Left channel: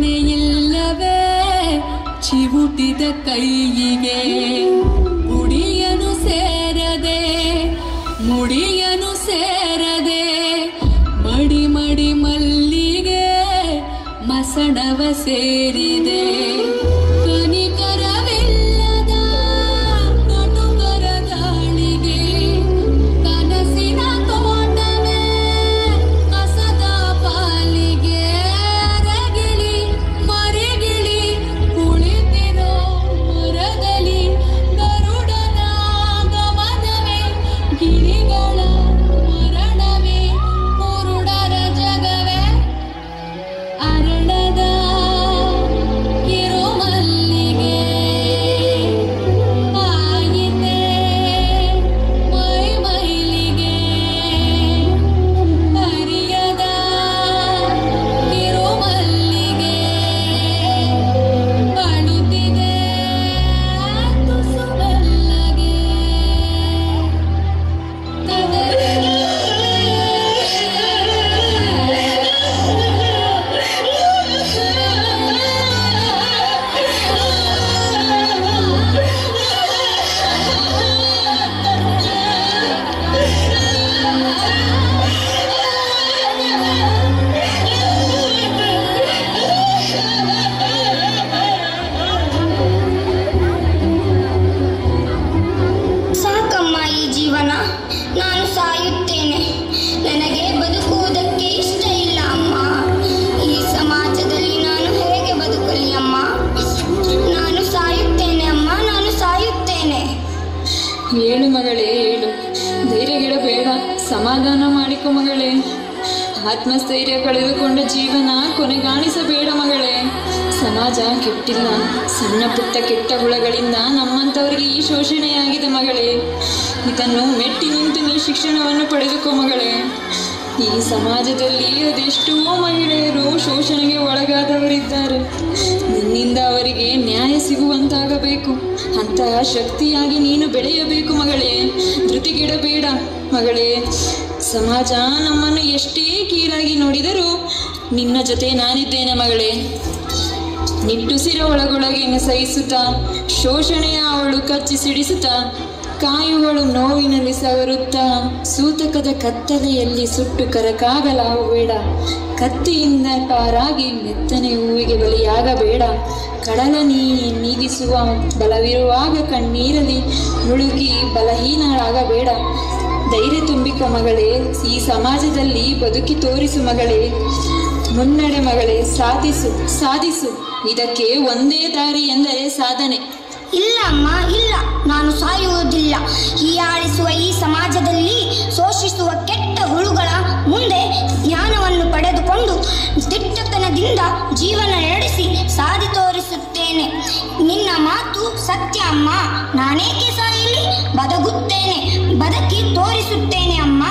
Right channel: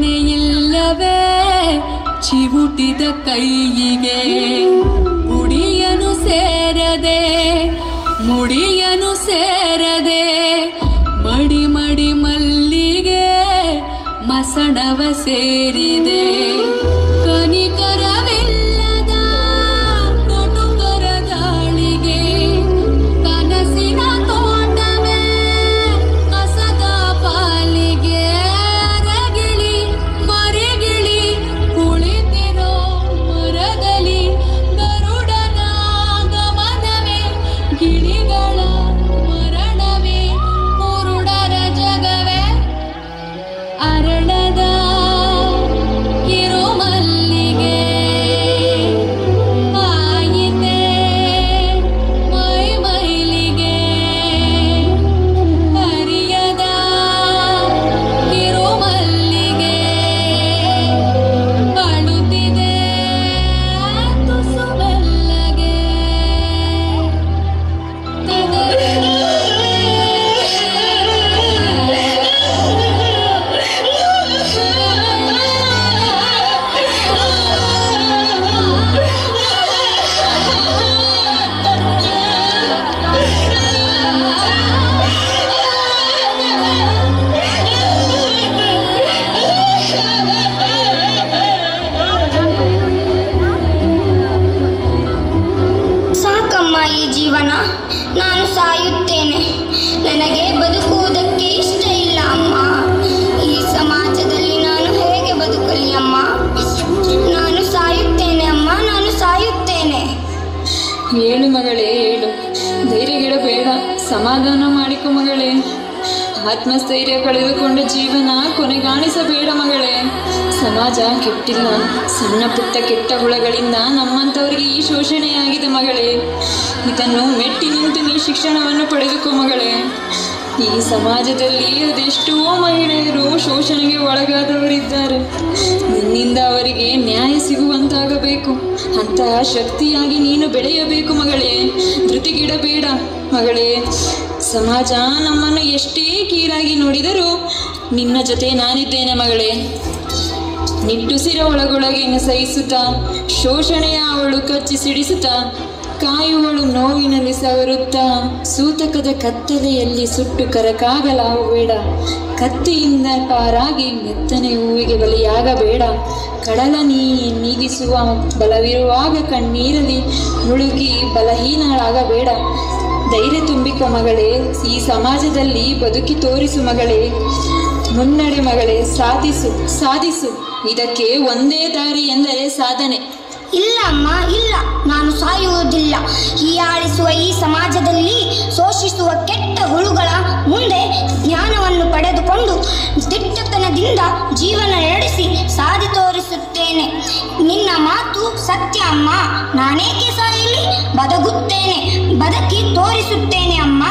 ರಕ್ಷಣೆಯಿಲ್ಲವೇ ಚಿವುಟಿದ ಕೈಯಿಗೆ ಮುಡಿಯನು ಸೇರದೆ ಮಡಿ ಮಡಿ ಮಲ್ಲಿಗೆ ಮಸಣವ ಸೇರಿದೆ ಕನಿಕರವಿಲ್ಲದ ಕಟುಕರ ಗಾಳಿಗೆ ಕನಸಿನ ತೋಟವೇ ಕಸದ ಪಾಲಿಗೆ ಅರಗಿಳಿ ಮರಿಗಿಳಿ ಕುಳಿತಿರೋ ಮರದಲ್ಲಿ ಗರುಡನ ಗಮನವೇ ಗಿಳಿಗಳ ಮರಣವೇ ಕುರುಡರ ಜಗವೇ ಅರಳದ ಕಿರುಮಲ್ಲಿಗೆ ಆಯಿತೆ ಮೈ ಮೈಲಿಗೆ ಹರಿಯದ ಕಿರುಮಲ್ಲಿಗೆ ಅಳುತ್ತಿದೆ ತುಸು ಮೆಲ್ಲಗೆ ಸಾಕಮ್ಮ ಈ ಜೀವನ, ನಾನು ಸಾಯುತ್ತೇನೆ. ನನಗೆ ಬದುಕುವುದಕ್ಕೆ ಇಷ್ಟ ಇಲ್ಲ ಅಮ್ಮ. ಈ ಸಮಾಜದಲ್ಲಿ ನಾನು ಹೇಗೆ ಬದುಕಲಿ ಅಮ್ಮ? ನಾನು ಸಾಯುತ್ತೇನೆ ಅಮ್ಮ, ನಾನು ಸಾಯುತ್ತೇನೆ. ಹೇಳು ಮಗಳೇ, ಹೇಳು. ಧೈರ್ಯಗೆಡಬೇಡ, ಸಮಾಧಾನ ಮಾಡಿಕೊ ಮಗಳೇ. ಆತ್ಮಸ್ಥೈರ್ಯ ಕಳೆದುಕೊಂಡ ಜೀವನ ಕೊನೆಗಾಣಿಸಬೇಡ ಮಗಳೇ. ಸಮಾಜ ಕೆಟ್ಟಿಲ್ಲ, ಸಣ್ಣ ಪುಟ್ಟ ಕೆಟ್ಟ ಹುಳಗಳಿಂದ ನಮ್ಮಂಥವರಿಗೆ ಈ ಶೋಷಣೆಯಾಗಿದೆ ಮಗಳೇ. ಇದನ್ನು ಮೆಟ್ಟಿ ನಿಂತು ನೀ ಶಿಕ್ಷಣವನ್ನು ಪಡೆದುಕೋ ಮಗಳೇ. ಈ ಸಮಾಜದಲ್ಲಿ ಅದೆಷ್ಟೋ ಮಹಿಳೆಯರು ಶೋಷಣೆಗೆ ಒಳಗಾದವರಿದ್ದಾರೆ. ನಿನ್ನಿಂದ ಅವರಿಗೆ ನ್ಯಾಯ ಸಿಗುವಂತಾಗಬೇಕು. ಅಂತಹ ಶಕ್ತಿಯಾಗಿ ನೀನು ಬೆಳೆಯಬೇಕು ಮಗಳೇ. ಧೃತಿಗೆಡಬೇಡ ಮಗಳೇ. ಸಮಾಜ ನಮ್ಮನ್ನು ಎಷ್ಟೇ ಕೀರಾಗಿ ನೋಡಿದರೂ ನಿನ್ನ ಜೊತೆ ನಾನಿದ್ದೇನೆ ಮಗಳೇ. ನಿಟ್ಟುಸಿರ ಒಳಗೊಳಗೆ ಸಹಿಸುತ್ತಾ ಶೋಷಣೆಯ ಅವಳು ಕಚ್ಚಿ ಸಿಡಿಸುತ್ತಾ ಕಾಯುವಳು ನೋವಿನಲ್ಲಿ ಸವರುತ್ತಾ ಸೂತಕದ ಕತ್ತಲೆಯಲ್ಲಿ ಸುಟ್ಟು ಕರಕಾಗಲಾಗಬೇಡ. ಕತ್ತಿಯಿಂದ ಪಾರಾಗಿ ಮೆತ್ತನೆ ಹೂವಿಗೆ ಬಲಿಯಾಗಬೇಡ. ಕಡಲ ನೀಗಿಸುವ ಬಲವಿರುವಾಗ ಕಣ್ಣೀರಲ್ಲಿ ಮುಳುಗಿ ಬಲಹೀನಳಾಗಬೇಡ. ಧೈರ್ಯ ತುಂಬಿಕೊ ಮಗಳೇ. ಈ ಸಮಾಜದಲ್ಲಿ ಬದುಕಿ ತೋರಿಸು ಮಗಳೇ. ಮುನ್ನಡೆ ಮಗಳೇ. ಸಾಧಿಸು. ಇದಕ್ಕೆ ಒಂದೇ ದಾರಿ ಎಂದರೆ ಸಾಧನೆ. ಇಲ್ಲ ಅಮ್ಮ, ಇಲ್ಲ, ನಾನು ಸಾಯುವುದಿಲ್ಲ. ಹೀಯಾಳಿಸುವ ಈ ಸಮಾಜದಲ್ಲಿ ಶೋಷಿಸುವ ಕೆಟ್ಟ ಹುಳುಗಳ ಮುಂದೆ ಜ್ಞಾನವನ್ನು ಪಡೆದುಕೊಂಡು ದಿಟ್ಟತನದಿಂದ ಜೀವನ ನಡೆಸಿ ಸಾಧಿ ತೋರಿಸುತ್ತೇನೆ. ನಿನ್ನ ಮಾತು ಸತ್ಯ ಅಮ್ಮ. ನಾನೇಕೆ ಸಾಯಲಿ? ಬದುಕುತ್ತೇನೆ, ಬದುಕಿ ತೋರಿಸುತ್ತೇನೆ ಅಮ್ಮ.